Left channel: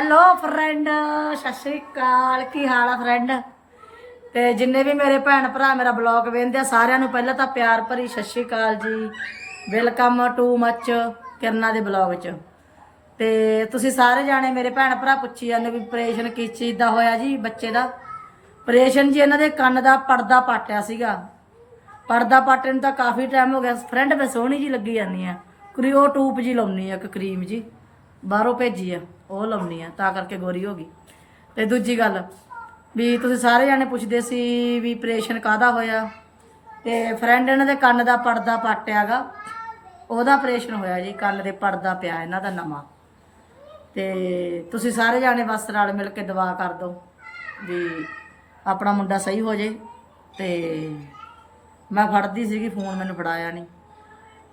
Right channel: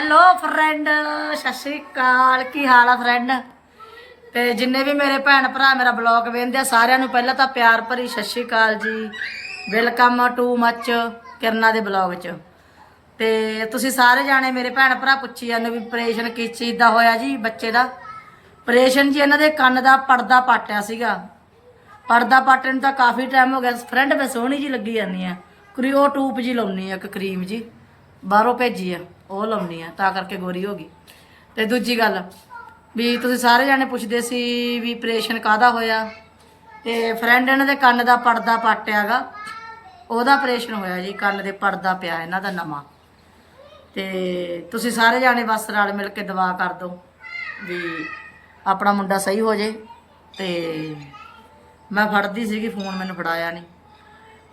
Hello friend ਸਤਿ ਸ਼੍ਰੀ ਅਕਾਲ। ਕੀ ਹਾਲ ਆ friend ਤੇ ਜਿੰਨੇ ਵੀ ਮੇਰੇ ਭੈਣ ਭਰਾ, ਮੇਰਾ ਬਲੌਗ ਵੇਖਦੇ ਆ, ਸਾਰਿਆਂ ਨੂੰ ਪਹਿਲਾਂ ਤਾਂ ਪਿਆਰ ਭਰੀ ਸਤਿ ਸ਼੍ਰੀ ਅਕਾਲ ਜੀ। ਵੈਲਕਮ ਟੂ ਮੱਚ ਕਿਰਨਾ ਦੇ ਬਲੌਗ 'ਚ। ਤੇ ਤੁਸੀਂ ਸਾਰੇ ਜਾਣੇ ਮੇਰੇ ਭੈਣ ਭਰਾ ਪੁੱਛੀ ਜਾਂਦੇ ਵੀ ਆਪਰੇਸ਼ਨ ਕਿਸ ਚੀਜ਼ ਦਾ ਹੋਇਆ ਜੀ, ਬੱਚੇ ਦਾ? ਆਪਰੇਸ਼ਨ ਜੀ ਇਹਨਾਂ ਦੇ ਕੰਨ ਦਾ, ਪਰਦਾ ਪਾਟਿਆ ਸੀਗਾ। ਪਰਦਾ ਪਾਟਣ ਨੂੰ ਤਾਂ ਕਾਫੀ ਟਾਈਮ ਹੋ ਗਿਆ। ਫਰੈਂਡ ਮੈਂ ਸੋਹਣੀ ਜੀ ਲੱਗੀ ਜਾਂਦੀ ਆ। ਕ੍ਰਿਓ ਟੂਪ ਜੀ ਲਾਉਣੀ ਆ, ਇੱਕ ਕਰੀਮ ਜੀ ਬਾਹਰੋਂ ਭੇਜੀ ਆ, ਉਹ ਲਾਉਣੀ ਆ, ਤਾਂ ਕਰਕੇ ਗੋਰੀ ਹੋ ਗਈ। ਤੇ ਦੂਜੀ ਗੱਲ, ਵੀ ਤੁਸੀਂ ਸਾਰੇ ਜਾਣੇ ਪੁੱਛਦੇ ਸੀ ਵੀ ਆਪਰੇਸ਼ਨ ਕਾਦਾ ਹੋਇਆ? ਤੇ ਫਰੈਂਡ ਇਹਨਾਂ ਦੇ ਕੰਨ ਦਾ ਪਰਦਾ ਪਾਟਿਆਗਾ, ਉਹਦਾ ਆਪਰੇਸ਼ਨ ਹੋਇਆ ਜੀ, ਕੰਨ ਦੇ ਪਰਦਾ ਪਿਆ ਇਹਨਾਂ ਦਾ ਨਵਾਂ। ਤੇ ਤੁਸੀਂ ਸਾਰੇ ਜਾਣੇ ਬਸ ਰਲ ਮਿਲ ਕੇ ਦੁਆ ਕਰ ਦਿਓ ਵੀ ਆਪਣਾ ਮੁੰਡਾ ਸਹੀ ਹੋ ਜੇ। ਤੇ ਮੈਂ ਫੜਦੀ ਸੀਗੀ, ਫੋਨ ਮੈਨੂੰ ਫੜਾਇਆ ਨਹੀਂ।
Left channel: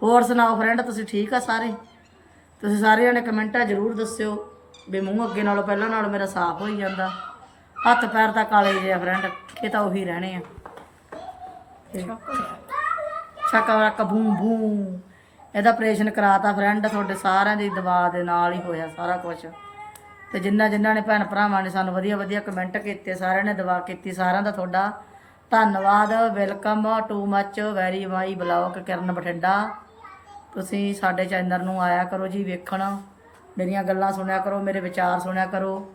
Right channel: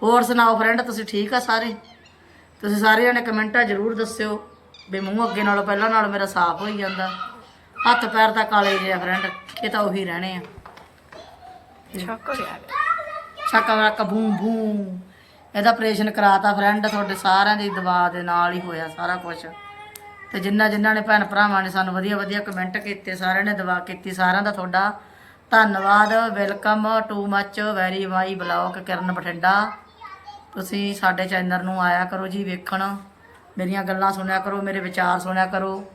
ਹੋਰ ਸੁਣਾਓ ਫਰੈਂਡ ਤੁਸੀਂ ਠੀਕ ਆ ਸਾਰੇ? ਤੁਸੀਂ ਸਾਰੇ ਜਣੇ ਕਮੈਂਟਾਂ ਜ਼ਰੂਰ ਦੱਸਿਓ ਵੀ ਮੂੰਹ ਅੱਗੇ ਨਾਲੋਂ ਪਹਿਲਾਂ ਨਾਲੋਂ ਮੇਰਾ ਸਾਫ਼ ਹੋਈ ਜਾਂਦਾ। ਹੱਥ ਪੈਰ ਤਾਂ ਕਾਲੇ ਜਿਹੇ ਆ ਫਰੈਂਡ ਇਹ ਤਾਂ ਉਹੀ ਰਹਿਣੇ ਆ। ਛੱਕਾ ਰੱਕ ਬੂੰ ਬੂੰ ਇਹਦਾ ਆਪਰੇਸ਼ਨ ਕਰਾਤਾ ਫਰੈਂਡ ਤੁਹਾਡੇ ਸਾਰਿਆਂ ਦੀ ਦਵਾ ਦੇ ਨਾਲ ਹੀ ਹੋਇਆ ਸਾਰਾ ਕੁਝ ਤੇ ਜਿੰਨਾ ਜਿਨ੍ਹਾਂ ਨੇ ਭੈਣ ਭਰਾਵਾਂ ਨੇ ਸਾਨੂੰ ਵਧੀਆ ਵਧੀਆ ਕਮੈਂਟ ਕੀਤੇ ਸਾਰਿਆਂ ਨੇ ਦਵਾ ਕੀਤੀ ਸਾਰਿਆਂ ਦਾ ਤੁਹਾਡਾ ਧੰਨਵਾਦ। Welcome to much very my blog Kiran Bathinda. ਤੁਸੀਂ ਸਾਡੇ ਚੈਨਲ ਨੂੰ ਆਇਆ ਕਰੋ ਜੀ ਵੇਖਣ, ਮੇਰੀਆਂ ਗੱਲਾਂ ਸੁਣਿਆ ਕਰੋ, ਮੇਰੇ ਵਿਚਾਰ ਸੁਣਿਆ ਕਰੋ।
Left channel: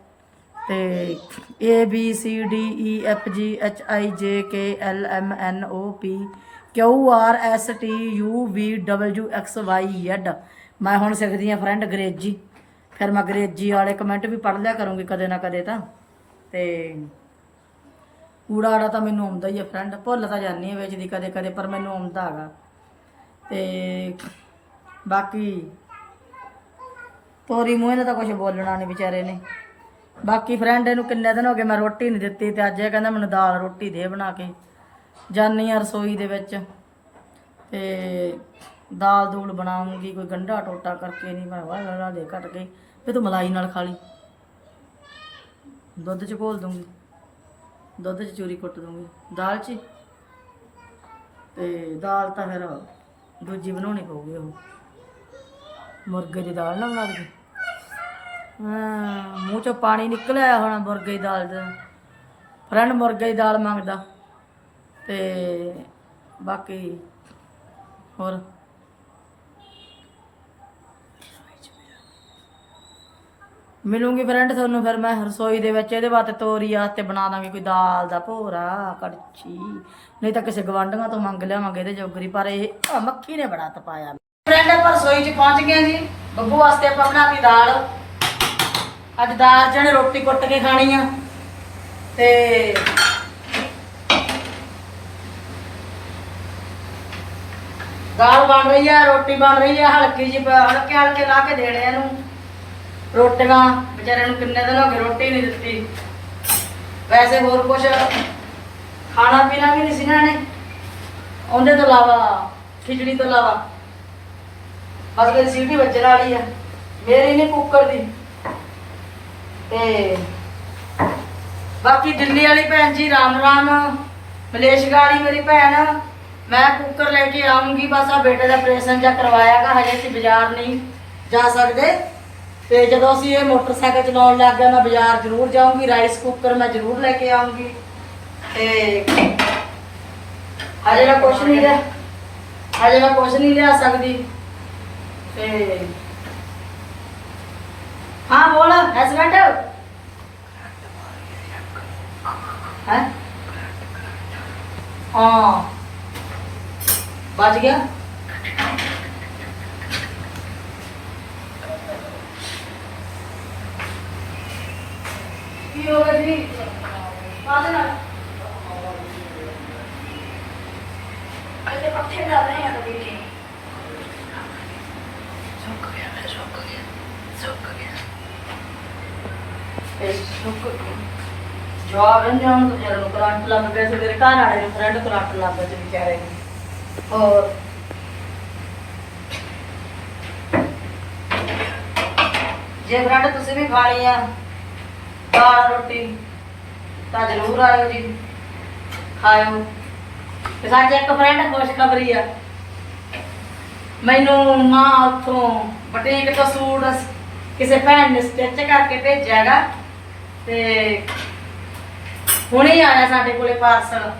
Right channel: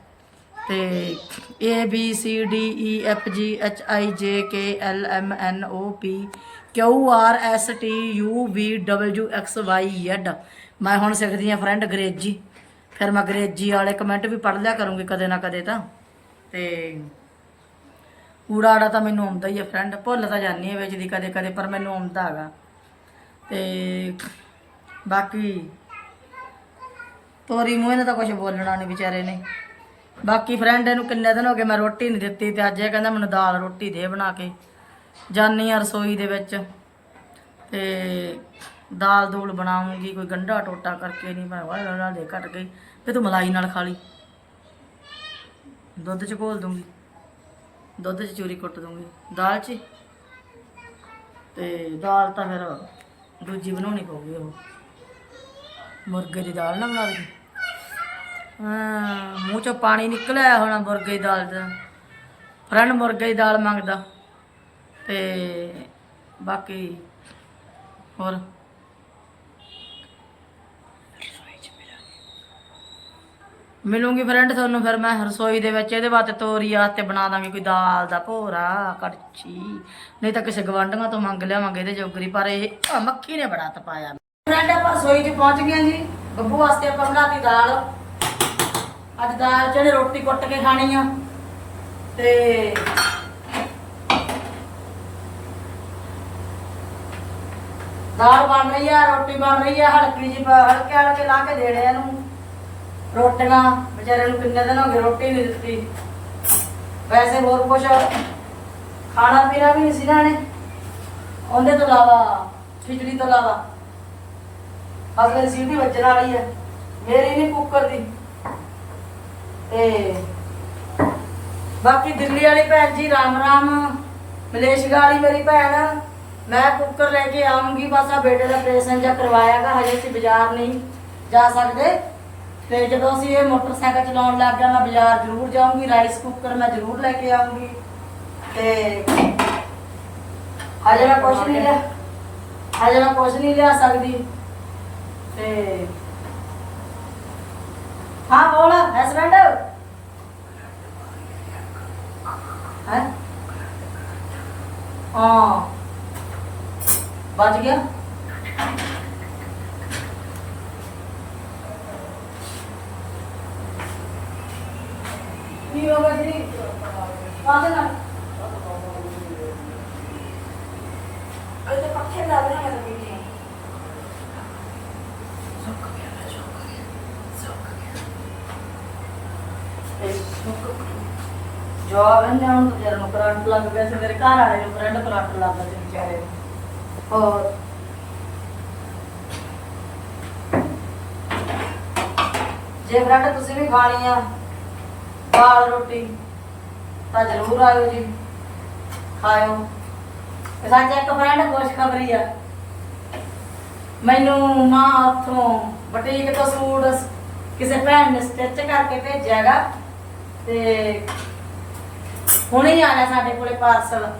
ਤੇ A, B, C, D E F, G, H, I, J, K, L, M, N, O, P, Q, R, S, T, U, V, W, X, Y, Z ਮੈਂ ਹੁਣ ਸਿੱਖਦੀ ਆ ਫਰੈਂਡ ਅੰਗਰੇਜ਼ੀ। ਫਿਰ ਮੈਂ ਅੰਗਰੇਜ਼ੀ ਵਾਲੇ ਕਮੈਂਟ ਵੀ ਪੜ੍ਹ ਲਿਆ ਕਰੂੰਗੀ ਕਦੇ ਨਾ ਕਦੇ ਤਾਂ। ਤੇ ਊੜਾ ਆੜਾ ਤਾਂ ਮੈਨੂੰ ਆਉਂਦਾ ਹੀ ਆ ਫਰੈਂਡ ਭੁੱਲ ਤਾਂ ਜਾਂਦੀ ਆ ਵਿੱਚ ਦੀ ਕਦੇ ਕਦੇ ਪਰ ਮੈਨੂੰ ਆਉਂਦਾ ਹੈਗਾ। ਤੇ ਬਾਕੀ ਤੋਰੀ ਮੂੰਹ ਨੇ ਤਾਂ ਕੁਝ ਬੋਲਣਾ ਨਹੀਂ ਵਿਚਾਰੇ ਨੇ। ਬਾਕੀ ਫਰੈਂਡ ਇਹਨੂੰ ਕਿੰਨੇ ਦਿਨ ਹੋ ਗਏ ਮੈਂ ਰੋਟੀ ਨਹੀਂ ਦਿੱਤੀ ਤੇ ਅੱਜ ਇਹ ਕਹਿੰਦਾ ਮੈਨੂੰ ਦਾਲ ਰੋਟੀ ਦੇ ਬਣਾ ਕੇ। ਜਾਨੀ ਆ ਰਸੋਈ ਦੇ ਵਿੱਚ ਤੇ ਦਾਲ ਦੂਲ ਬਣਾਉਂਗੀ, ਕੋਈ ਗੰਢਾ ਟੋਟਾ ਕਰਕੇ ਨਹੀਂ ਮੈਂ ਵਾਹ ਨਾਲ ਦੇ ਕੱਟ ਗਈ ਤੇ ਤੂੰ ਮਲਾਈ ਨਾਲ ਖਾ ਲਈ। ਦੁੱਧ ਚ ਘੋਲ ਦੂੰਗੀ, ਦੁੱਧ ਚ ਚੂਰੀ ਕੁੱਟ ਦੂੰਗੀ ਦਾਲ ਚ ਹੀ। ਤੇ ਦਾਲ ਤਾਂ ਫਿਰ ਦੂਜੀ ਬਣਾਉਣੀ ਪਊਗੀ ਉਹ। ਮੁਰਗੇ ਦੀ ਦਾਲ ਨਾ ਬਣਾ ਦੇ ਹਾਂ, ਮੂੰਹ ਚੋਂ ਪਾਣੀ ਨਿਕਲਿਆ ਹੋਣਾ ਮੁਰਗੇ ਦੀ ਦਾਲ ਦਾ। ਫਰੈਂਡ ਮੁਰਗੇ ਦੀ ਦਾਲ ਮੰਗਦਾ। ਤੇ ਬਾਕੀ ਹੋਰ? ਮਿਲੂੰਗੀ ਫਰੈਂਡ ਤੁਹਾਨੂੰ, ਫਿਰ ਮੈਂ ਰਸੋਈ ਦੇ ਵਿੱਚ ਇਹਦੇ ਵਾਸਤੇ ਤੋਰੀ ਵਾਸਤੇ ਬਣਾ ਦਾਂਗੇ, ਕੋਈ ਦਾਲ ਦਾ ਭੋਰਾ, ਕੜਛੀ। ਨਹੀਂ ਤਾਂ ਕਿਸੇ ਗਵਾਂਢੀਆਂ ਤੋਂ ਮੰਗ ਲਿਆਵਾਂਗੇ ਇਹਦੇ ਜੋਗਰੀ, ਪਰ ਇਹ ਮੱਖੀ ਨੇ ਬੜਾ ਤਪਾਇਆ। ਫਰੈਂਡ ਆਪਾਂ ਰਸੋਈ 'ਚ ਪਹੁੰਚ ਗਏ ਜੀ। ਬੱਬੂ ਵਾਸਤੇ ਆਪਾਂ ਬਣਾਤੀ ਦਾਲ। ਅੱਜ ਦਾਲ ਜਣੇ ਰੋਟੀ ਕੁੱਟ ਕੇ ਖਾਣੀ ਆ। ਤੇ ਦਾਲ ਬਣ ਰਹੀ ਆ, ਰੋਟੀ ਬਣ ਰਹੀ ਆ, ਹਲਕੀ ਜੀ ਹਲਕੇ ਹਲਕੇ ਲਾ ਕੇ ਦੇਣੇ ਇਹਨੂੰ। ਰੋਟੀਆਂ, ਵਿਚਾਰੇ ਨੂੰ ਕਿੰਨੇ ਦਿਨ ਹੋ ਗਏ ਰੋਟੀ ਨਹੀਂ ਦਿੱਤੀ। ਵੈਸੇ ਹੋਰ ਕੁਝ ਖਾਣਾ ਪੀਣਾ ਵੀ ਨਹੀਂ ਸੀ ਨਾ ਨੇ ਉਹਦੇ ਤੋਂ ਇਲਾਵਾ, ਖਿਚੜੀ ਤੋਂ ਇਲਾਵਾ। ਅਗਲੇ ਸੀਟੀ ਵੱਜਣ ਵਾਲੀ ਆ। ਮੇਰੀ ਨਹੀਂ ਕੁੱਕਰ ਦੀ। ਤੇ ਬਾਕੀ ਦਿੱਲੀ ਵਾਲੀ ਭੈਣ ਜੀ, ਰਾਮ ਰਾਮ। ਮਲੇਸ਼ੀਆ ਵਾਲੀ ਮੇਰੀ ਭੈਣ। ਮੈਂ ਕੁੱਕਰ ਲੈ ਕੇ ਆਉਂਗੀ ਬਸ ਆ ਬੇਟੇ ਦਾ ਆਪਰੇਸ਼ਨ ਜਾਂ ਕਰਵਾਇਆਗਾ ਹਜੇ ਅਸੀਂ ਬਾਜ਼ਾਰ ਨਹੀਂ ਜਾ ਸਕਦੇ। ਤੇ ਜਦੋਂ ਅਸੀਂ ਇਹ ਮੋਟਰਸਾਈਕਲ ਚਲਾਉਣ ਲੱਗ ਗਿਆ ਮੈਂ ਬਾਜ਼ਾਰ ਜ਼ਰੂਰ ਜਾਊਂਗੀ, ਰਾਈਸ ਕੁੱਕਰ ਮੈਂ ਜ਼ਰੂਰ ਲੈ ਕੇ ਆਉਂਗੀ ਤੇ ਹਜੇ ਮੈਂ ਕੁਛ ਨਹੀਂ ਲਿਆ, ਹਜੇ ਮੈਂ ਕੁਛ ਨਹੀਂ ਲਿਆ ਸਕਦੀ। ਤੇ ਹਾਂ ਬੋਲ ਹਸਬੈਂਡ ਹੈ? ਹਾਂ। ਬਚ ਗਿਆ। ਕੀ ਹੋ ਗਿਆ ਜੀ ਕਾਹਦੇ ਨਾਲ ਇਹਦੇ ਪੱਠੇ ਡਾਲ ਰਹੇ ਹਨ ਬੀਜੀ ਸੁੱਕ ਗਿਆ ਮੈਂ ਸੁੱਕ ਗਿਆ ਸੁੱਕ ਗਿਆ ਇਹ ਸੁੱਕ ਜਵਾਬ ਇਹਨਾਂ ਨੂੰ ਜਰ ਨੂੰ ਕਰੰਟ ਲੱਗ ਗਿਆ ਤੇ ਮੇਰੇ ਘਰ ਵਾਲੇ ਨੂੰ ਕਰੰਟ ਕਰੰਟ ਲੱਗ ਗਿਆ ਤੇ ਵਿਚਾਰੇ ਨੂੰ। ਔਰ ਜੇ ਫਰੈਂਡ ਤੁਸੀਂ ਵੀ ਖਾਣੀ ਆ, ਦਾਲ, ਰੋਟੀ, ਤਾਂ ਜ਼ਰੂਰ ਆਇਓ ਜੀ। ਖਾਇਓ। ਤੇ ਇੱਕ ਫਰੈਂਡ ਖੁਸ਼ਖਬਰੀ ਆ। ਮੈਨੂੰ ਮਾਂ ਉੱਥੋਂ ਬਟੀਕ ਤੋਂ ਸੂਟ ਕਿਸੇ ਭੈਣ ਨੇ ਸਟਿਚ ਕਰਕੇ ਭੇਜਿਆਗਾ ਤੇ ਹੁਣੇ ਹੀ ਆਇਆ ਸਾਡੇ ਕੋਲੇ ਪਾਰਸਲ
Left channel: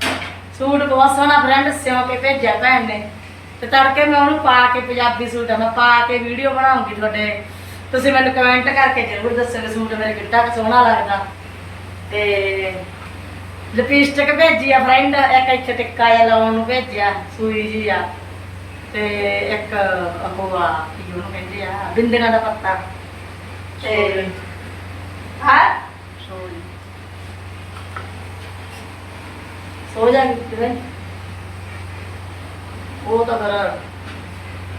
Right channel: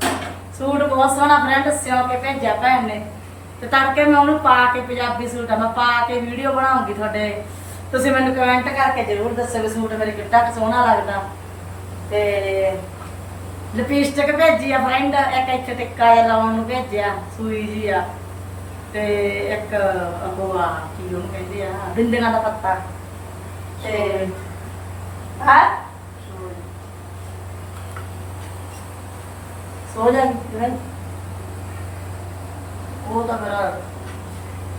ਸੂਟ ਬਹੁਤ ਸੋਹਣਾ ਫਰੈਂਡ ਸਿਉਂ ਕੇ ਭੇਜਿਆ ਭੈਣ ਨੇ। ਤੇ ਤੜਕੇ ਮੈਂ ਉਹਨੂੰ ਪਾ ਕੇ ਪੰਜਾਬੀ ਸੂਟ ਆ ਮੈਂ ਪਾ ਕੇ ਵੀਡੀਓ ਬਣਾਉਂਗੀ ਤੁਹਾਡੇ। ਤੁਸੀਂ ਮੈਨੂੰ ਕਮੈਂਟ ਕਰਕੇ ਜ਼ਰੂਰ ਦੱਸਿਓ ਵੀ ਸੂਟ ਮੇਰੇ ਕਿੱਡਾ ਕੁ ਸੋਹਣਾ ਲੱਗਦਾ। ਤੇ ਲਿਪਸਟਿਕ ਭੇਜੀ ਆ ਫਰੈਂਡ ਇੱਕ ਇੱਥੇ ਟਿੱਕਾ ਜਿਹਾ ਲਾਉਣ ਨੂੰ ਭੇਜਿਆ ਸੂਈ ਜੀ ਆ। ਤੇ ਇੱਕ ਉਹ ਆ ਕੀ ਉਹਨੂੰ ਕਹਿੰਦੇ ਆ ਬਿੰਦੀਆਂ ਦਾ ਪੱਤਾ। ਤੇ ਹਾਂ? ਸੋ ਜਾ ਉਹ ਤਾਂ ਫਿਰ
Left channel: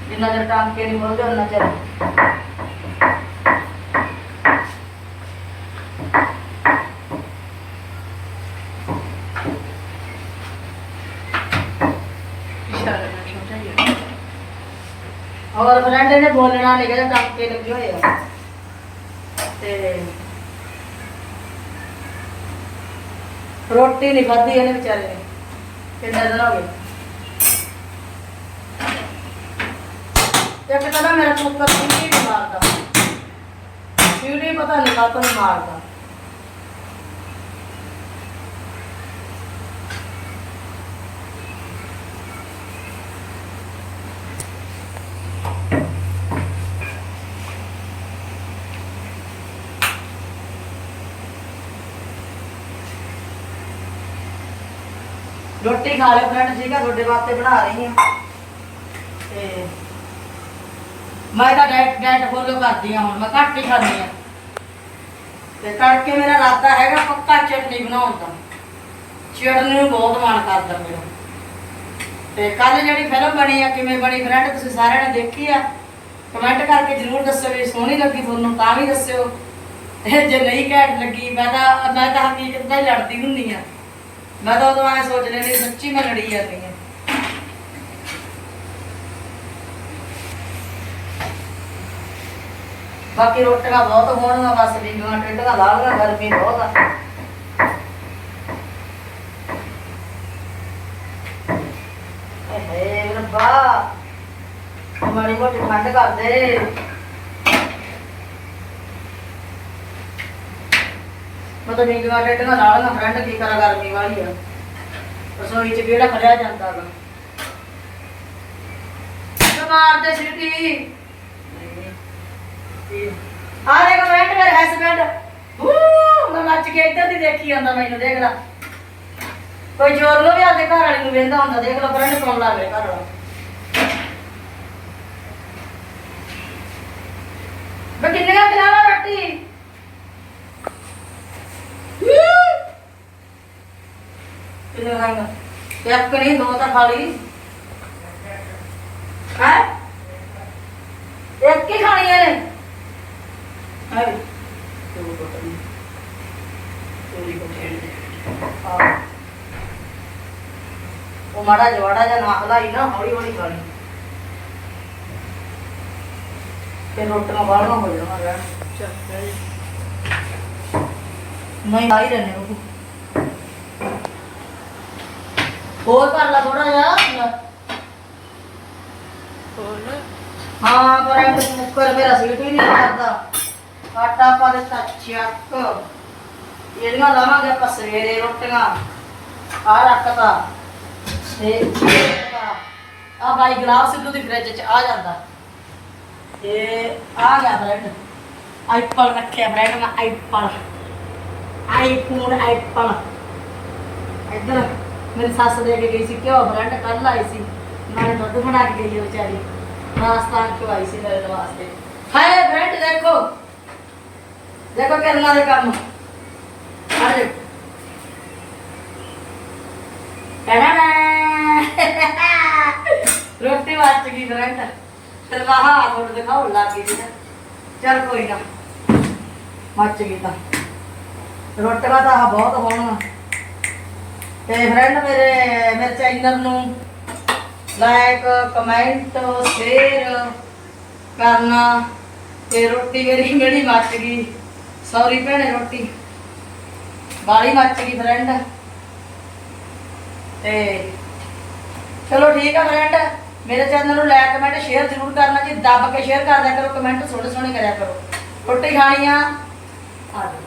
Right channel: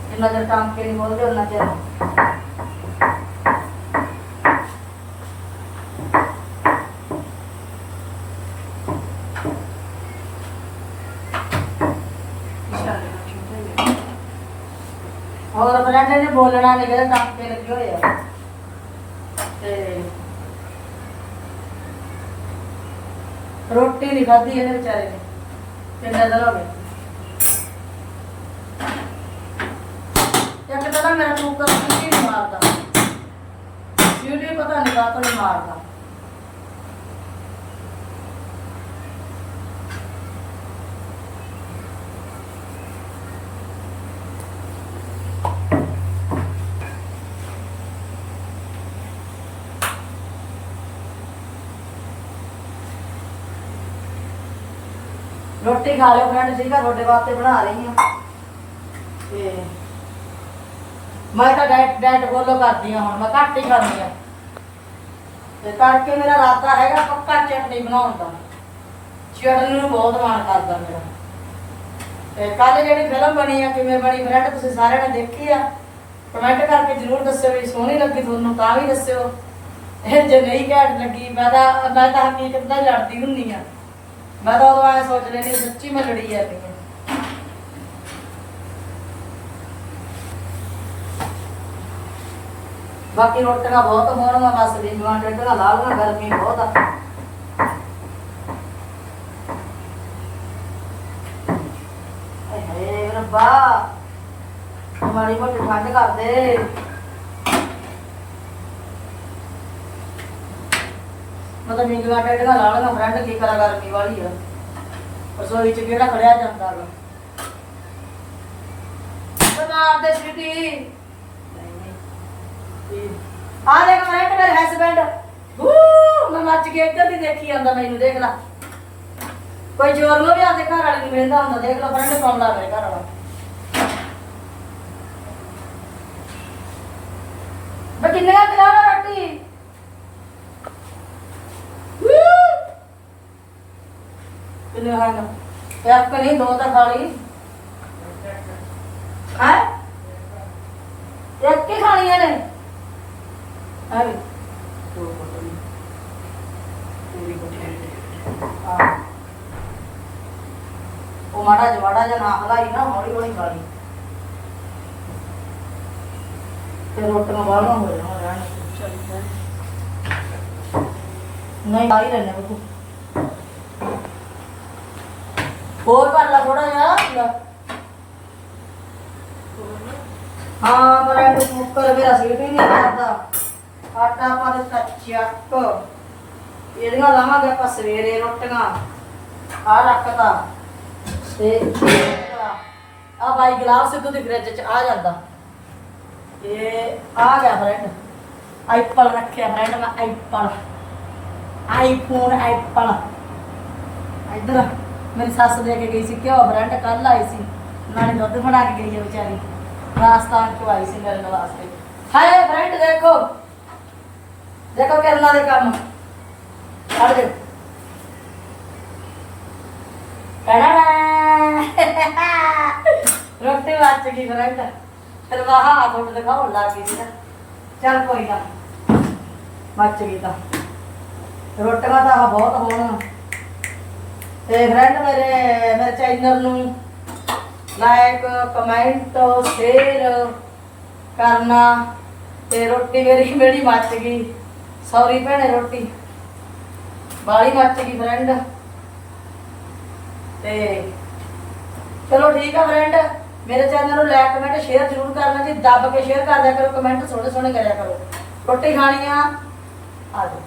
ਜਿੰਨਾ ਚਿਰ ਕੰਮ ਕੇ ਨਹੀਂ ਮੁੜਦੇ ਉਹਨਾਂ ਚਿਰ। ਹੋਰ ਫਰੈਂਡ ਨੇ ਬੋਲਣਾ ਨਹੀਂ ਕਹਿੰਦਾ ਟੱਕੇ ਲੱਗੇ ਹੋਏ ਆ ਤੇ ਰੋਟੀ ਨਹੀਂ ਖਾਧੀ ਇਹਨੇ ਵਿਚਾਰੇ ਨੇ। ਕਿੰਨੇ ਦਿਨ ਹੋ ਗਏ ਇੱਕ ਤਾਂ ਨਾ ਮੇਰਾ ਕੁੱਕਰ ਸੀਟੀ ਨਹੀਂ ਮਾਰਦਾ। ਸੀਟੀ ਪਤਾ ਨਹੀਂ ਕਾਹਤੋਂ ਨਹੀਂ ਮਾਰਦਾ। ਰੋਟੀ ਖਾ ਲਿਓ ਫਰੈਂਡ ਠੀਕ ਆ? ਤੁਹਾਡੇ ਵਾਸਤੇ ਬਣਾ ਰਹੀ ਹਾਂ। ਤੇ ਮੈਂ ਤਾਂ ਡਾਈਟ ਡਾਈਟ ਫੋਲੋ ਕਰਦੀ ਹਾਂ ਹੁਣ, ਮੈਂ ਘੱਟ ਹੀ ਖਾਂਦੀ ਹਾਂ। ਤੇ ਤੜਕੇ ਮੇਰਾ ਇਰਾਦਾ ਹੈਗਾ ਪੱਕਾ ਚਟਨੀ ਬਣਾਉਣ ਦਾ। ਚਟਨੀ ਨੂੰ ਬਹੁਤ ਮਨ ਕਰਦਾ ਮੇਰਾ। ਤੇ ਕੱਲ ਜਿਹੜੀ ਫਿਲਮ ਬਣੀ ਆ, ਕਿਵੇਂ ਬਣੀ ਫਰੈਂਡ ਤੁਸੀਂ ਸਾਰਿਆਂ ਨੇ ਦੇਖੀ ਆ? ਕਮੈਂਟ ਕਰਕੇ ਜਰੂਰ ਦੱਸਿਓ ਵੀ ਸੋਹਣੀ ਲੱਗੀ ਤੁਹਾਨੂੰ, ਤਾਂ ਵੀ ਦੱਸਿਓ। ਜੇ ਨਹੀਂ ਘੈਂਟ ਲੱਗੀ, ਮੈਂ ਤਾਂ ਮੈਂ ਤਾਂ ਹਕੀਕਤ ਦਾ ਹੀ ਲੜਦੀ ਹੁੰਦੀ ਆ ਮੈਂ ਤਾਂ ਉਦੋਂ ਐ ਸੋਚ ਲੈਣੀ ਸੱਚੀ ਮੈਂ ਲੜੀ ਜਾਂਦੀ ਹਾਂ ਬਾਕੀ ਰੋਟੀਆਂ ਬਹੁਤ ਹੋਣਗੀਆਂ, ਬਸ ਲੀਆਂ ਟੇਢੀਆਂ ਲਾਗਣਾ ਗਰਮੀ ਬਹੁਤ ਆ। ਏ ਰੱਬਾ, ਮਾੜੀ ਮੋਟੀ ਠੰਡ ਕਰਦੇ ਦੇ ਮੈਂ ਤਾਂ ਨੀਂਦਾਂ ਟੇਢੀਆਂ ਫਰੈਂਡ ਕੀ ਕਰਾ ਗਰਮੀ ਵਾਲੀ ਆ। ਰਸੋਈ ਚ ਕਿਹੜਾ ਖੜਿਆ ਜਾਂਦਾ ਵਾ ਬਿਮਾਰ ਦੇ ਆ ਦੇਖ ਕਮੈਂਟ ਮੇਰੇ ਹਸਬੰਡ ਬੂ ਮੈਂ ਮੱਚ ਕੇ ਇੱਧਰ ਦੀ ਦੇਖੀ ਜਾਂਦਾ ਮੈਨੂੰ, ਦੇਖ ਲੈ। ਕੋਈ ਜੋਰ ਲੋ ਵੀ ਆਦੇ ਘਰ ਵਾਲੀ ਨੂੰ ਵੇਂਦਾ ਹੁੰਦਾ, ਦੇਖ ਲੈ ਫਰੈਂਡ ਕੌਣ ਮੇਰੇ ਘਰ ਵਾਲਾ। ਮੈਂ ਕਿੰਨੀਆਂ ਖਿਲਾਵਾ ਕਿਲੋ ਖਾਂਗਾ ਇੱਕ ਨਹੀਂ ਦੋ ਤਾਂ ਖਾ ਲਈ। ਹੈ? ਇੱਕ ਹੀ ਖਾਣੀਆਂ ਨੇ ਹੈ ਦੋ ਬਟਨ ਤੋਲੀ ਬਟਨ ਉਹ ਮਾੜਾ ਜਵਾੜਾ ਜਿਹਾ ਨਾਖਦਾ ਹੀ ਨਾ ਹੌਲੀ ਹੌਲੀ ਖਾ ਲਈ। ਤੇ ਰੋਟੀਆਂ ਗਾਲਾਂ ਹੋ ਜਾਣਾ ਰਹਿਣ ਨਹੀਂ ਆਈ ਰਹਿਣੇ ਬੱਬੂ ਹੋਰ ਕਰ ਲਾ ਥੋੜਾ ਜਿਹਾ। ਲੈ। ਹਾਂ ਪਰ ਇਹ ਮੁੱਕਰ ਮੇਰਾ ਸੀਟ ਹੀ ਨਹੀਂ ਕਰਦਾ। ਆਟਾ ਪਾ ਦੇ ਚੱਕ। ਇਹਦੀਆਂ ਲਾਵਾਂਗੇ ਆਪਾਂ ਸਵੇਰੇ ਰੋਟੀਆਂ। ਆ ਰੱਖਤਾ। ਤੇ ਆ ਬਾਈ ਗਲਾਸ ਸਿੱਧੂ ਦੀ ਫ੍ਰਿਜ ਚ ਆ ਜਾਂਦਾ। ਤੇ ਆ ਗਿਆ ਫਰੈਂਡ ਆਈਪਲ ਰੱਖਿਆ ਫਰੈਂਡ ਮੈਂ ਆਈਪਲ ਆਈਫੋਨ ਆਈਪਲ ਇੱਧਰ ਮੇਰੀ ਸੱਸ ਦੇ ਕੇ ਗਈ ਸੀ ਘਿਓ ਫਰੈਂਡ ਕੱਲ ਆਈ ਸੀ। ਨਾਲੇ ਦੁੱਧ ਬਣਾ ਕੇ ਗਈ ਹੈ ਵਿਚਾਰੀ। ਰਾਜਸਥਾਨ ਤੋਂ ਆਈ ਸੀ ਮੇਰੇ ਵਾਸਤੇ। ਹਾਏ ਫਰੈਂਡ ਦੇਖੋ। ਦੇਖੋ ਕਰਨਾ ਦੇ ਕੰਮ। ਅਰੇ ਰੋਟੀ ਵਾਚ ਗਈ ਫਰੈਂਡ ਫਿਰ ਵਾਹਾ ਤੁਹਾਨੂੰ ਦਿਖਾਉਣ ਲੱਗ ਗਈ ਨਾ। ਚੱਲ ਕੋਈ ਨਾ ਮੱਚ ਗਈ ਤਾਂ। ਰੋਟੀਆਂ ਤਾਂ ਬਹੁਤ ਹੋਣ। ਤੇ ਫਰੈਂਡ ਮੇਰੇ ਮੇਰੇ ਚੈਨਲ ਨੂੰ ਲਾਈਕ ਕਮੈਂਟ ਸ਼ੇਅਰ ਕਰਨਾ। ਤੇ ਰੋਟੀ ਮੇਰੀ ਮੇਰੀ ਮੱਚ ਗਈ। ਸੌਰੀ ਭੈਣੇ, ਰੋਟੀ। ਬਾਲੀ ਮੱਚ ਗਈ ਫਰੈਂਡ ਤੇ ਚਲੋ ਠੀਕ ਆ ਫਰੈਂਡ ਮੇਰੇ ਚੈਨਲ ਨੂੰ ਲਾਈਕ ਕਮੈਂਟ ਸ਼ੇਅਰ ਜ਼ਰੂਰ ਕਰਨਾ। ਜੀ ਦੱਬ ਕੇ ਸ਼ੇਅਰ ਕਰਦਿਆ ਕਰੋ ਕਮੈਂਟ ਸੋਹਣੇ ਸੋਹਣੇ ਕਰਿਆ ਕਰੋ। ਰੋਟੀ ਖਾਣੀ ਆ। ਆ ਜਾਓ।